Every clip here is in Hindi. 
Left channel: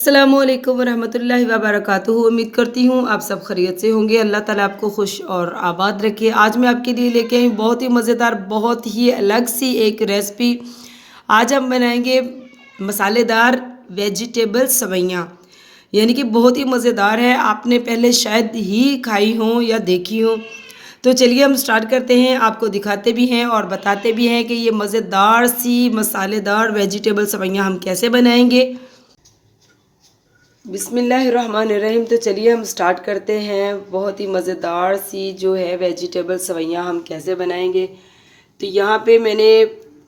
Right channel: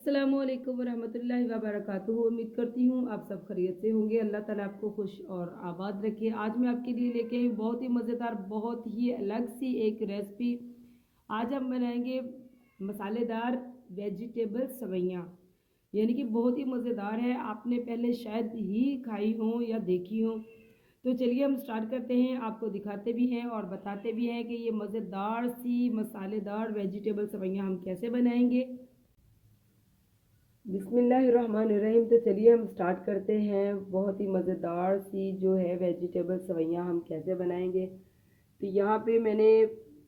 अस्सलामुअलैकुम वरहमतुल्लाहि वबरकातुहू। उम्मीद करती हूँ आप सब खैरियत से होंगे। अल्लाह ताला आपको खुश और आबाद रखे। आज मैं आपके लिए लेके आई हूँ बहुत ही मज़ेदार, बहुत ही अलग सी एक रेसिपी। आज हम बनाएंगे मसालेदार वेजिटेबल सवैयाँ, यानी कि बहुत ही मज़ेदार है। आपने पहले शायद ही खाई हों या देखी हों। तो चलिए हम स्टार्ट करते हैं, आपको दिखाते भी हैं और बताते भी हैं कि ये मज़ेदार सी मसालेदार वेजिटेबल सवैयाँ हम कैसे बनाएंगे। बिस्मिल्लाहिर्रहमानिर्रहीम। तो चलिए हम स्टार्ट करते हैं। बहुत ही मज़ेदार सी जो है वेजिटेबल सवैयाँ हम कैसे बनाएंगे। तो यहाँ पे मैंने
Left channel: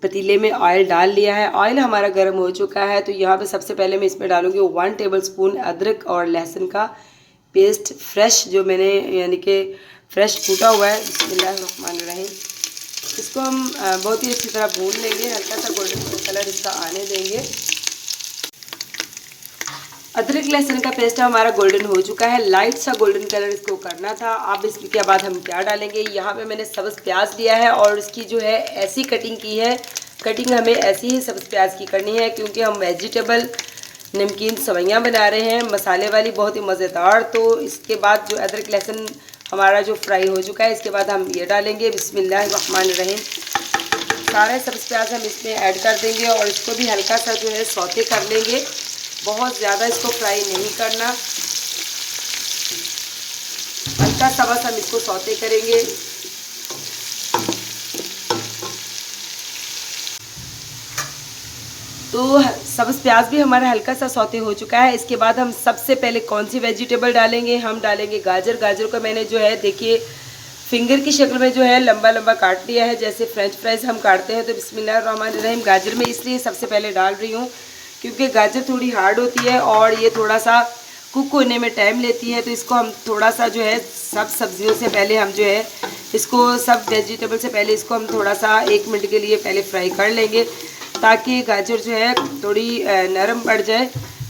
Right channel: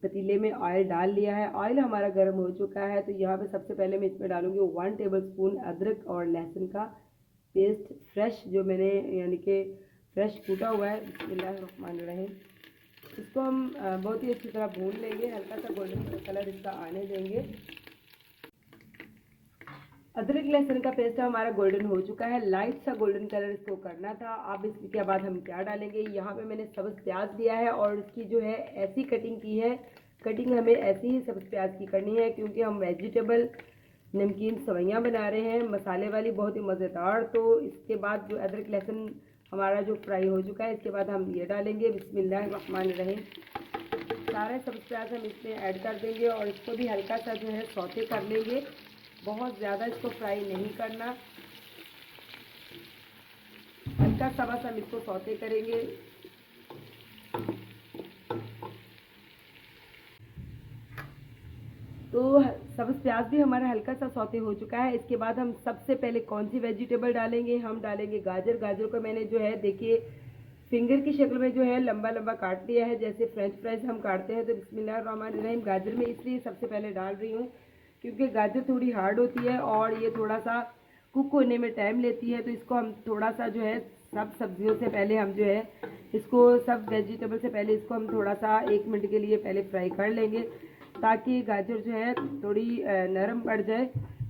पतीले में ऑयल डाल लिया है। ऑयल हमारा गर्म हो चुका है। तो यहाँ पे सबसे पहले मैं इसमें डालूँगी 1 टेबलस्पून अदरक और लहसुन का पेस्ट, फ्रेश जो मैंने यानी कि फ्रेश कूटा हुआ है। बिस्मिल्लाहिर्रहमानिर्रहीम। इसको हम बहुत ही अच्छी तरह भून लेंगे, हल्का सा गोल्डन कलर इसका आने देंगे। अदरक लहसुन का पेस्ट हमारा गोल्डन हो चुका है, लाइट सा गोल्डन कलर इसको करना था। अब इसके बाद हम क्या डालेंगे, यहाँ पे मैंने सब्ज़ प्याज लिया है और इसकी जो है ऐसी कटिंग की है। कटिंग हमें ऐसी ही सब्ज़ प्याज की करनी है क्योंकि हम वेजिटेबल नमकीन सवैयाँ बना रहे हैं, मसाले वाली, बहुत ही मज़ेदार। तो इसके बाद जो अदरक लहसुन हमारा जो फ्राई हो चुका है, इसके बाद हम ये डालेंगे। बिस्मिल्लाहिर्रहमानिर्रहीम। सारे सब्ज़ प्याज हम इसमें ऐड कर देंगे और इसको भी हल्का सा जो है सौते कर लेंगे। बहुत ज़्यादा इसको फ्राई नहीं करना, हल्का सा बस हम इसको सौते करेंगे। तो सब्ज़ प्याज भी हमारा हल्का सा सौते हो चुका है। इसके बाद हम सबसे पहले कौन सी वेजिटेबल डालेंगे, हम डालेंगे गाजर। गाजर को मैंने जो है देखिए फिंगर की शक्ल में जो है लंबा लंबा काट लिया है, जैसे फ्रेंच फ्राइज़ हम काटते हैं। तो बिस्मिल्लाहिर्रहमानिर्रहीम। गाजर में इसलिए सबसे पहले डाल रही हूँ क्योंकि गाजर थोड़ी हार्ड होती है और ये थोड़ा सा कुक होने में टाइम लेती है। तो इसको हम थोड़ा सा जो है सब सब्जियों से पहले हम जो है इसको, सब वेजिटेबल से पहले इसको हम थोड़ा सा 1 मिनट के लिए पहले फ्राई कर लेंगे ताकि गाजर जो है थोड़ी नरम पड़ जाए,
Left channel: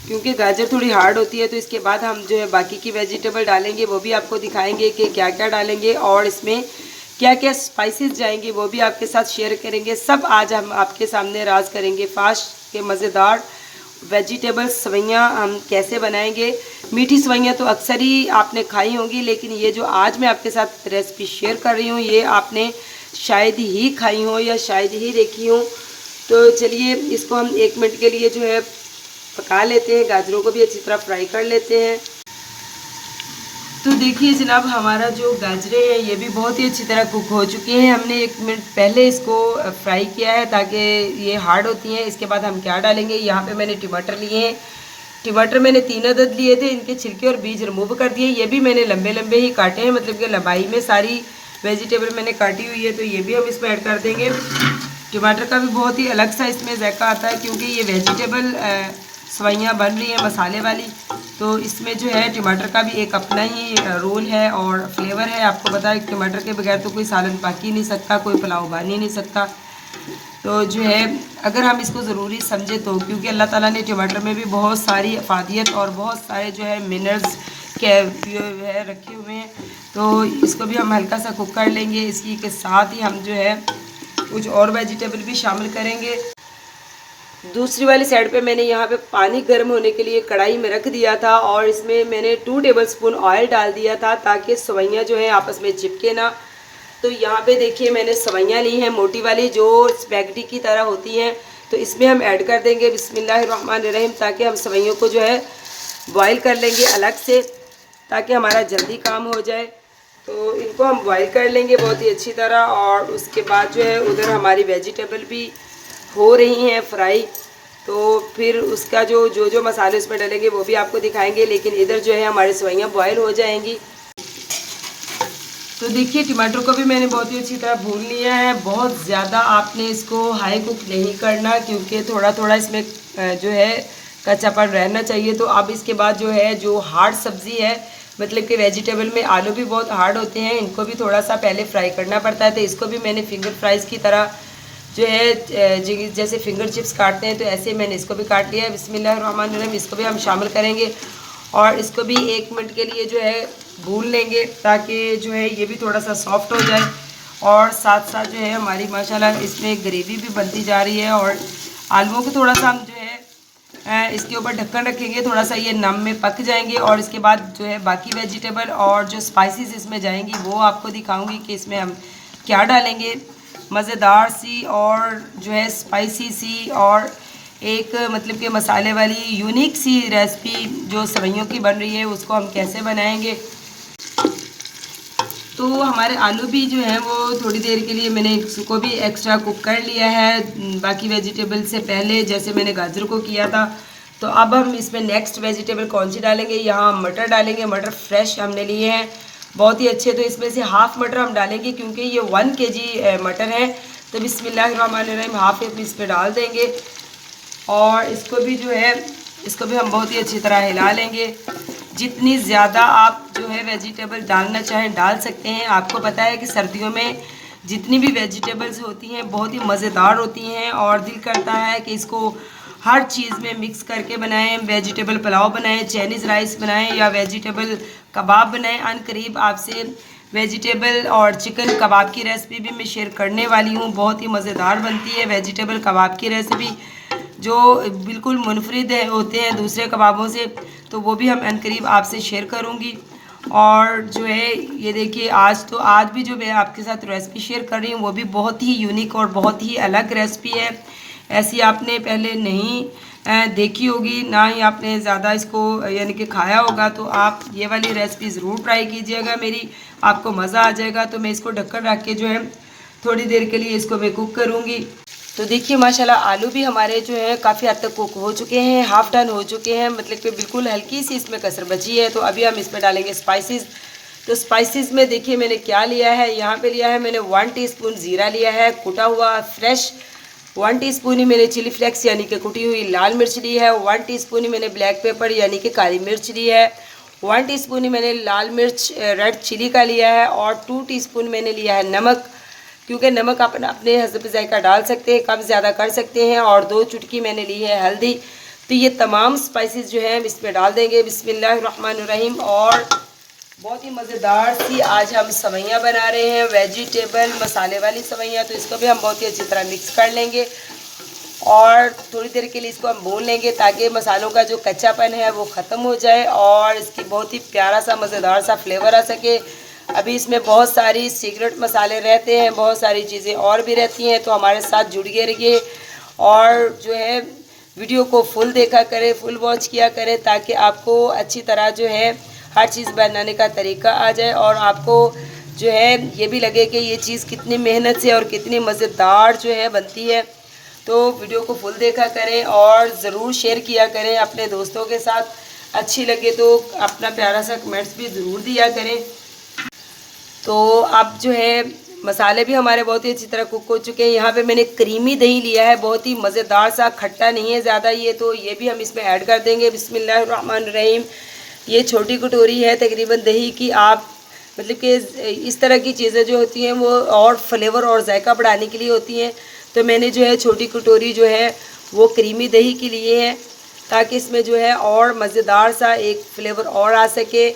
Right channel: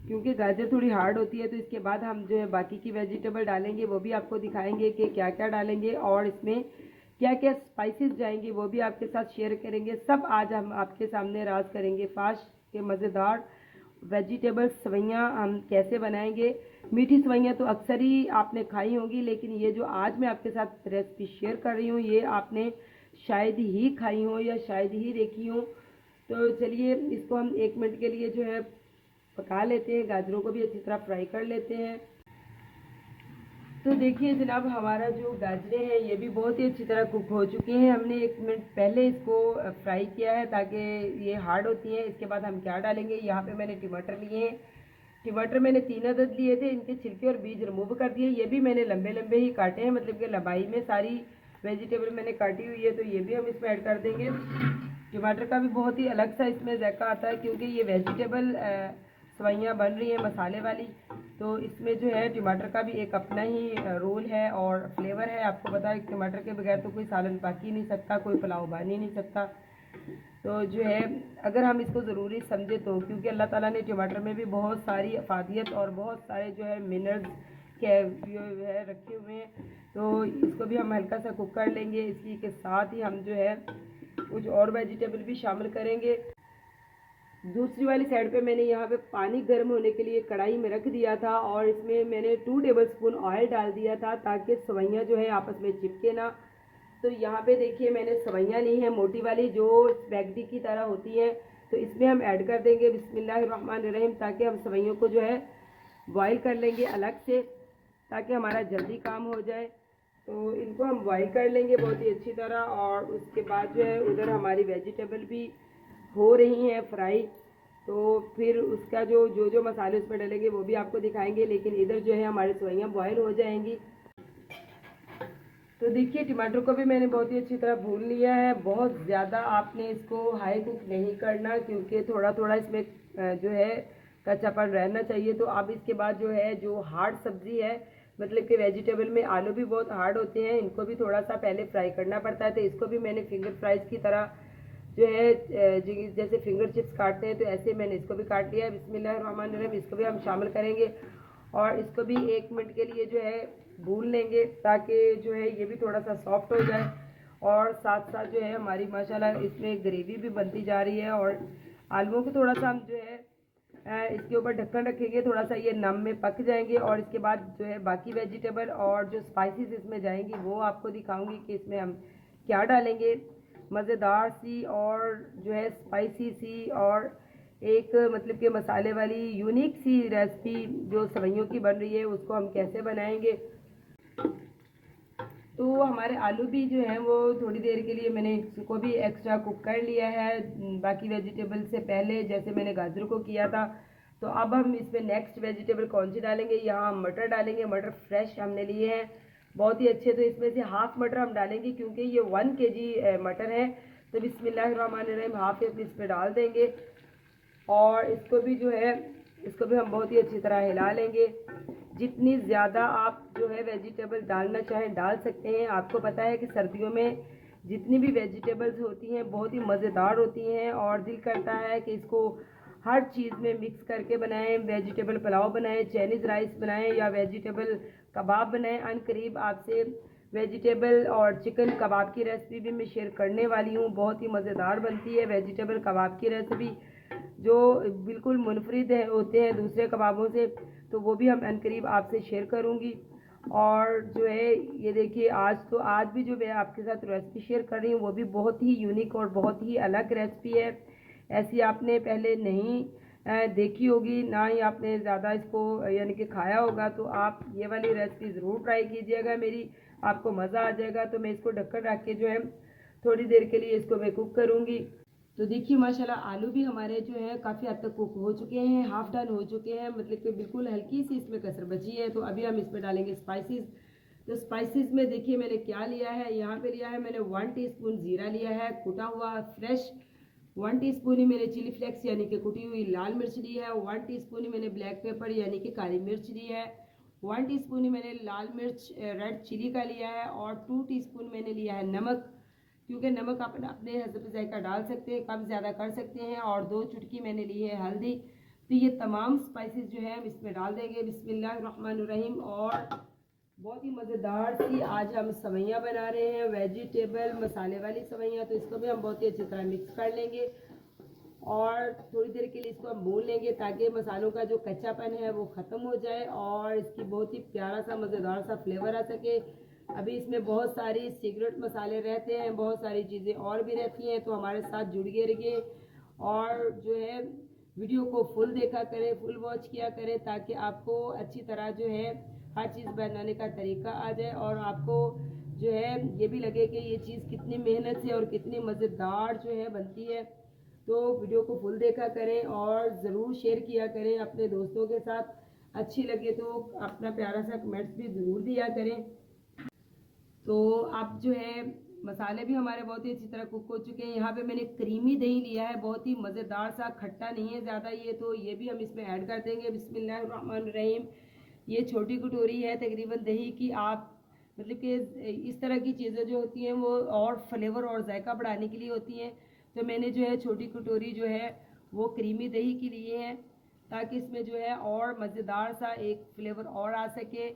क्योंकि गाजर थोड़ी हार्ड होती है। तो इसके बाद हम जो है बाकी की वेजिटेबल डालेंगे, वो भी आपको दिखाएंगे कि क्या क्या डालेंगे और इसमें क्या क्या स्पाइसेस जाएंगे, वो भी आपके साथ शेयर करेंगे। सब आज हम आपके सामने राज करेंगे। फास्ट के मज़ेदार वेजिटेबल सवैयाँ हम कैसे बनाएंगे। मीठी सवैयाँ तो अक्सर ही आपने खाई होंगी, लेकिन ये जो आज मैं आपके साथ रेसिपी शेयर कर रही हूँ ये आपने शायद ही खाई हो या शायद ही देखी हो। तो चलिए इसको हम 1 मिनट के लिए जो है पका लेते हैं, गाजरों को भी अच्छी तरह फ्राई कर लेते हैं। तो देखिए जनाब, हमारा जो गाजरें हैं ये भी बहुत ही अच्छी तरह कुक हो चुकी हैं। हमने 1 मिनट पहले इसको फ्राई किया है ताकि ये हार्ड होती हैं। इसके बाद हम क्या डालेंगे, यहाँ पे मैंने टमाटर लिए हैं। टमाटर मैंने 3 अदद लिए थे, इनके छिलके और बीज रिमूव कर दिए। ये भी मैंने लंबे लंबे ही काटे हैं, मतलब कि लंबाई में सारी वेजिटेबल मैंने काटी हुई है। तो ये भी हम इसमें ऐड कर देंगे। टमाटर का भी बहुत ही अलग सा इसमें जायका आता है क्योंकि ये वेजिटेबल सवैयाँ बन रही हैं मसाले वाली। तो इसमें जो है टमाटर का भी एक अपना ही रोल है और फ्लेवर है। आपको पता है टमाटर के बगैर तो कोई सालन पक ही नहीं सकता, कोई पुलाव बन ही नहीं सकता। तो जो है अगर हम इसको ज़रूरी समझे तो, क्योंकि अल्लाह ताला ने टमाटर में भी बहुत सारी अफादियत और बहुत सारे जो है मिनरल्स के है रखे हुए हैं। तो इसको भी हम हल्का सा कुक कर लेंगे। इसी के साथ ही हम जो है कुछ और वेजिटेबल भी शामिल करेंगे। दूसरी वाली साइड पे मैंने यहाँ पे पानी गर्म होने के लिए कढ़ाई में रख दिया था और इसमें मैंने 2 टेबलस्पून ऑयल डाल दिया था ताकि सवैयाँ जो है आपस में चिपके ना। तो यहाँ पे देखिए मैंने सवैयाँ ली हैं मोटी वाली जो स्पैगेटी की तरह होती हैं। तो इसमें हम ऐड कर देंगे बिस्मिल्लाहिर्रहमानिर्रहीम, ताकि हम सवैयों को जो है बॉयल कर लेंगे अलग से ताकि हमारा जल्दी काम हो जाए। तो इनको हम बॉयल कर लेंगे बहुत ही अच्छी तरह और उसके बाद जो है उधर हमारी वेजिटेबल भी हो रही हैं फ्राई। तो फिर उसका जो मसाले उसमें डालेंगे वो भी आपको दिखाएंगे, लेकिन इधर जो है हमारी सवैयाँ बॉयल हो जाएंगी। तो देखिए टमाटर को भी मैंने बहुत ही अच्छी तरह भून लिया है। बहुत ज़्यादा आपने इसको हाई कुक नहीं करना क्योंकि थोड़ा थोड़ा इसमें जो है कच्चापन रहना चाहिए। तो अब इसके बाद जो है जो हार्ड सब्ज़ी है, मतलब कि वेजिटेबल में आलू भी बहुत हार्ड होते हैं, इनको भी थोड़ा सा पहले फ्राई करना पड़ता है। तो इसको भी मैंने फिंगर फ्राइज़ की तरह जो है जैसे फिंगर चिप्स काटते हैं तो ऐसे मैंने इसको भी काट लिया है। बिस्मिल्लाहिर्रहमानिर्रहीम। इसको भी हम शामिल करेंगे और इसको भी 1 मिनट के लिए जो है भून लेंगे ताकि जो है ये भी थोड़ा सा सॉफ्ट हो जाए। और साथ साथ जो है हमारी माशाल्लाह इसमें ग्रेवी भी बनती जा रही है और आलूओं को थोड़ा सा हम जो है इसके ऊपर ढक्कन रखेंगे, थोड़ा सा ये नम में पक जाएंगे और इसके बाद जो है बाकी वेजिटेबल और जो स्पाइसेस इसमें जाएंगी वो आपको दिखाऊंगी कि इसमें हम क्या डालेंगे। मज़ेदार सी और जो है स्पाइसी सी और एक मतलब कि मसाले वाली यूनिक सी रेसिपी जो सेवइयों की बन रही है, उसको हम कैसे बनाएंगे। तो हमारे आलू भी जो हैं वो थोड़ी देर के लिए मैंने इसको भी एक्स्ट्रा कुक कर लिया है बाकी वेजिटेबल से पहले, जैसे मैंने गाजर को किया था। तो अब हम इसमें नेक्स्ट वेजिटेबल कौन सी डालेंगे, यहाँ हम मटर डालेंगे। मटर फ्रेश हमने लिए हैं, बहुत ही अच्छे। तो इसमें से हाफ़ मटर हम डालेंगे क्योंकि ये 1 kg मटर है। तो बिस्मिल्लाहिर्रहमानिर्रहीम हाफ़ इस पर डाल देंगे और इसको भी जो है इसको भी हम बहुत ही अच्छी तरह हिला लेंगे। जितनी ज़्यादा आप जो है वेजिटेबल डालना चाहें डाल सकते हैं। आपको पता है कि सर्दियों में जितनी भी वेजिटेबल्स होती हैं बहुत ही मज़ेदार होती हैं और दिल करता है कि इसको हर चीज़ में मिक्स करके बनाएं। वेजिटेबल पुलाव बनाएं, चाइनीज़ राइस बनाएं या वेजिटेबल कबाब बनाएं। अनकरीब आपसे वेजिटेबल और चिकन कबाब की रेसिपी भी मैं शेयर करने वाली हूँ। बहुत ही मज़ेदार बनती है वेजिटेबल कबाब की रेसिपी, जो बिल्कुल मुनफरिद होते हैं दूसरे कबाबों से। तो वो भी हम अनकरीब आपसे शेयर करूँगी। और जो है ये देखिए आज भी जो मैं आपके साथ रेसिपी शेयर कर रही हूँ वो भी बहुत ही यूनिक और बहुत ही अलग रेसिपी है। ऐसी आपने पहले नहीं देखी होगी, ना ही आपने ज़्यादा इसको यानी कि खाया होगा। तो आप ये वाली रेसिपी ज़रूर ट्राई कीजिएगा मेरी, आपको मज़ा आ जाएगा। तो मैं इसको ढक्कन रख के जो है थोड़ी देर के लिए इसको मैं कुक करूँगी। तो देखिए माशाल्लाह आलू भी हमारे जो है काफ़ी हद तक कुक हो चुके हैं, हाफ़ डन हो चुके हैं, मतलब कि बिल्कुल हल्की सी इसमें कसर बची है। तो अभी हम इसमें डालेंगे स्पाइसेस। तो स्पाइसेस में देखिए मैंने क्या लिया है, यहाँ पे लिया है मैंने 1 टीस्पून ज़ीरा लिया है कुटा हुआ फ्रेश, 1 टीस्पून ही मैंने चिली फ्लेक्स यानी कि कुटी हुई लाल मिर्च ली है, 1 टीस्पून ही मैंने ब्लैक पेपर यानी कि काली मिर्च ली है, 1 टीस्पून ही मैंने लाल मिर्च रेड चिली का लिया है और 2 टीस्पून मैंने लिया है नमक, क्योंकि नमक आप अपने हस्ब ज़ायका डाल सकते हैं, कम ज़्यादा कर सकते हैं। और 2 चुटकी मैंने ली है हल्दी। तो ये तमाम स्पाइसेस जो हैं इस पर डाल देंगे। बिस्मिल्लाहिर्रहमानिर्रहीम। और बहुत ही मज़ेदार सी आज हम सेवइयाँ बना रहे हैं, वेजिटेबल मसाले वाली सेवइयाँ। तो इसको भी हम बहुत ही अच्छी तरह मिक्स कर लेंगे और थोड़ी देर के लिए इसको हम भून लेंगे ताकि मसालों का जो कच्चापन है वो ख़त्म हो जाए और इसकी बहुत ही प्यारा सा मज़ेदार सा फ्लेवर आ सके। अभी इसमें बहुत सारी सीक्रेट मसाले रहते हैं, बहुत सारी चीज़ें और भी रहती हैं। तो हमारे साथ जुड़िए रहिए और जो है वीडियो को फुल देखा करें, फुल वॉच किया करें ताकि आपको अच्छी तरह जो है हर चीज़ बनाने का तरीका आ जाए और आपको जो है ये भी लगे कि ये चीज़ कितनी मेहनत से और कितनी मज़ेदार जो है बनती है। तो वीडियो को फुल देखा करें और ज़रूर शेयर किया करें अपने दोस्तों के साथ। अच्छी लगे तो अपना प्यारा सा कमेंट्स भी ज़रूर दिया करें। तो अब जो है मसाले भी हमारे बहुत ही अच्छी तरह कुक हो चुके हैं। यहाँ पे मैंने क्रीमी दही लिया है, बहुत ही मज़ेदार सा, खट्टा नहीं है ज़्यादा ये। तो ये भी हम इसमें ऐड कर देंगे। बिस्मिल्लाहिर्रहमानिर्रहीम। ये छोटी कटोरी है तकरीबन दही की। आप मतलब कि इस तरह की चीज़ें जो होती हैं वो और फ्लेवर और जायका बढ़ाने के लिए होती हैं। तो मैंने जो है छोटी कटोरी जो है वो क्रीमी दही की लिए है ताकि इसमें जो है और मज़ेदार सा एक फ्लेवर और आ सके।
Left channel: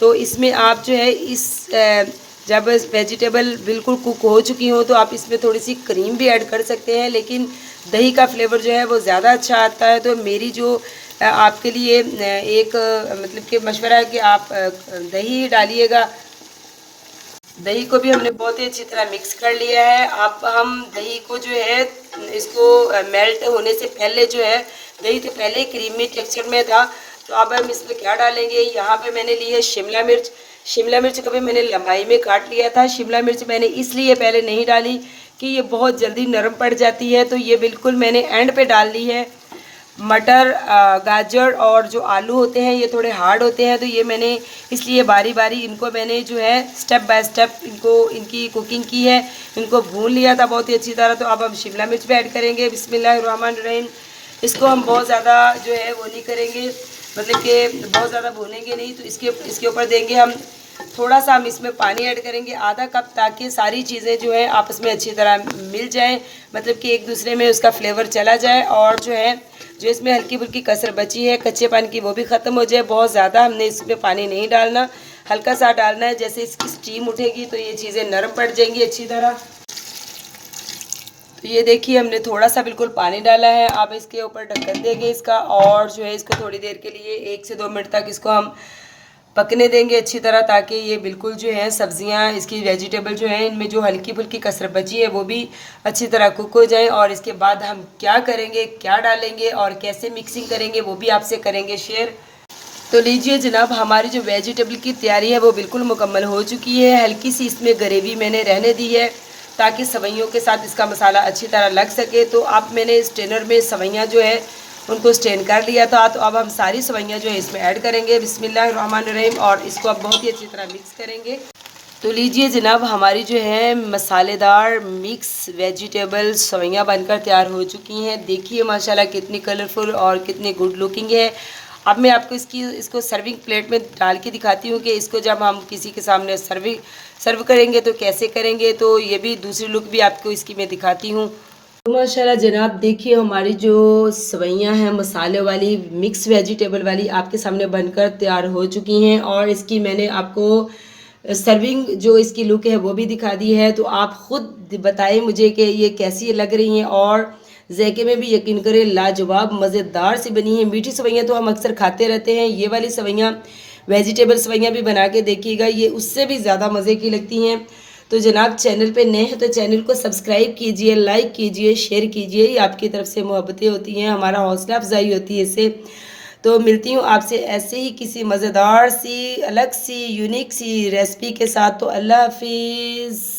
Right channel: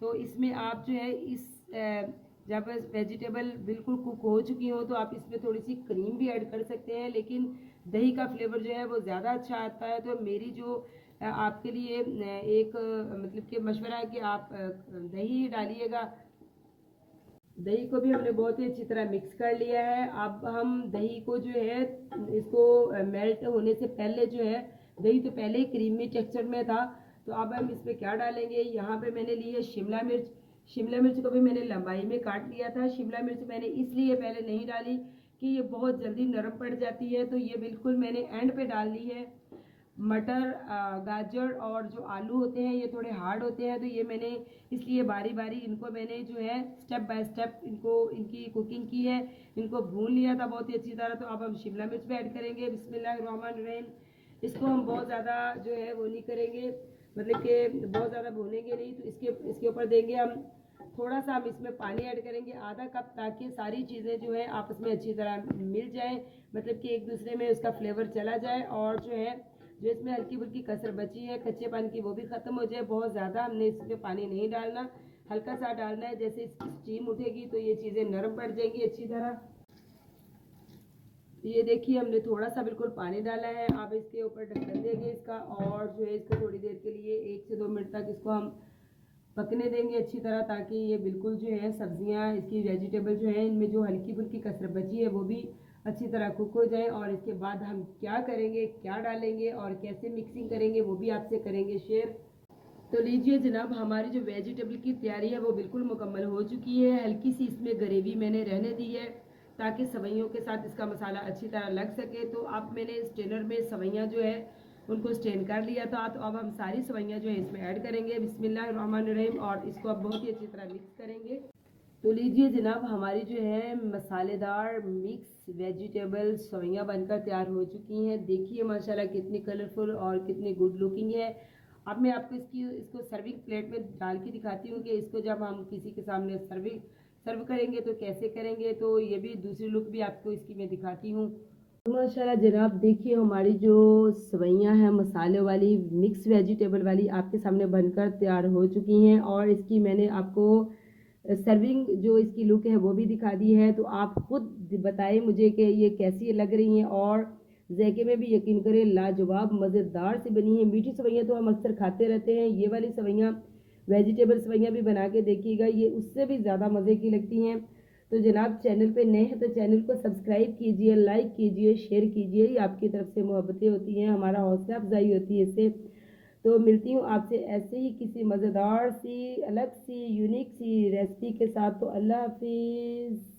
तो इसमें आप जो है जब वेजिटेबल बिल्कुल कुक हो चुकी हो तो आप इसमें थोड़ी सी क्रीम भी ऐड कर सकते हैं, लेकिन दही का फ्लेवर जो है वो ज़्यादा अच्छा आता है। तो मेरी जो आपके लिए एक मतलब कि मशवरा है कि आप दही डालिएगा। दही को भी हमने बहुत ही अच्छी तरह मिक्स कर लिया है। अब हम दही को जो है इसको मेल्ट होने से पहले जो है दही तो पहले क्रीमी टेक्सचर में था। तो अब हम इसमें क्या डालेंगे, यहाँ पे मैंने ली है शिमला मिर्च। शिमला मिर्च को भी मैंने लंबाई में काट लिया था। शिमला मिर्च मैंने इसलिए पहले नहीं डाली कि ये बहुत जल्दी नरम पड़ जाती है, तो ये बिल्कुल मैंने एंड पे डाल ली है। मटर गाजर और जो आलू होते हैं ये थोड़े हार्ड होते हैं, तो ये मैंने इसलिए बारी बारी इनको मैंने जो है स्टेप बाय स्टेप इनकी कुकिंग की है, इनको भून लिया था बहुत ही अच्छी तरह। तो अब हम शिमला मिर्च भी ऐड करेंगे। बिस्मिल्लाहिर्रहमानिर्रहीम। इसको हम बहुत ज़्यादा जो है वो नहीं करेंगे, मतलब कि बहुत ज़्यादा भूनेंगे नहीं। तो इसके ऊपर देंगे हम थोड़ा सा, हम इसमें पानी ऐड करेंगे आधा कप, ताकि सारी चीज़ें जो है आपस में अच्छी तरह मिल जाएं, मतलब कि एक दूसरे में उसका फ्लेवर चला जाए और जो है जो इसमें हल्की फुल्की कसर बची है कच्चेपन की वो भी ख़त्म हो जाए। बहुत ज़्यादा हमने इसमें पानी नहीं डालना, हल्का सा डालना है। जैसे इसकी स्टीम उठेगी तो ये चीज़ें नरम पड़ जाएंगी अच्छी तरह। तो तो ये देखिए हमने थोड़ा सा बिल्कुल पानी डाला है। अब इसके ऊपर ढक्कन देंगे इसका, और जो है इसको थोड़ी देर के लिए 1 से 2 मिनट तक इसको हम पकने देंगे अच्छी तरह, ताकि ये बिल्कुल जो है सब्जियां, इसकी वेजिटेबल जो है इनमें जो हल्की फुल्की कसर बची है वो भी अच्छी तरह कुक हो जाए। और इसके बाद हम क्या करेंगे, क्या डालेंगे और कैसे मिक्सिंग करेंगे वो भी आपसे करेंगे शेयर। तो लीजिए जनाब, हमारी जो वेजिटेबल की तैयारी है वो बिल्कुल मुकम्मल हो चुकी है। हल्की सी इसमें ग्रेवी मैंने रहने दी है ताकि सवैयों के साथ इसका मसाला अच्छी तरह लग सके। तो अब मैंने स्ट्रेनर में सवैयाँ जो है उनको स्ट्रेन कर लिया था। तो अब हम सारी सवैयाँ जो है इसमें ऐड करेंगे, बिस्मिल्लाहिर्रहमानिर्रहीम, और इसको अब बहुत ही अच्छी तरह मिक्स करेंगे। तो लीजिए जनाब, हमारी जो है मसालेदार मिक्स वेजिटेबल सवैयाँ बनकर तैयार हो चुकी हैं। देखिए माशाल्लाह कितनी कलरफुल और कितनी गुड लुकिंग है। अब मैं आपको इसको सर्विंग प्लेट में डाल के दिखाती हूँ कि इसको जब हम किसी के सामने सर्व करेंगे तो कैसे करेंगे। तो ये भी दूसरी लुक भी आपको इसकी मैं दिखाती हूँ। तो माशाल्लाह जनाब, देखिए हमारी जो सवैयाँ हैं मसाले वाली मिक्स वेजिटेबल वाली आपके सामने बनकर तैयार हो चुकी हैं, और इसकी मैंने आपको सर्विंग जो इसकी लुक है वो भी दिखा दी है। तो आप ख़ुद बताएं मुझे कि ये कैसी लग रही हैं, और ज़ायके में भी यकीन करें लाजवाब मज़ेदार सी बनी है। मीठी सवैयाँ तो हम अक्सर खाते रहते हैं, ये वाली सवैयाँ वेजिटेबल सवैयाँ भी बना के देखिएगा, ये उससे भी ज़्यादा मज़े की लगती हैं। तो जनाब, चैनल पे नए हैं तो चैनल को सब्सक्राइब कीजिए, लाइक कीजिए, शेयर कीजिए। ये आपकी तरफ से मोहब्बतें होती हैं, हमारा हौसला अफजाई होती है इससे। तो मिलती हूँ आपसे ऐसे ही किसी मज़ेदार सी, अलग सी, यूनिक सी रेसिपी के साथ। तो अल्लाह हाफिज़।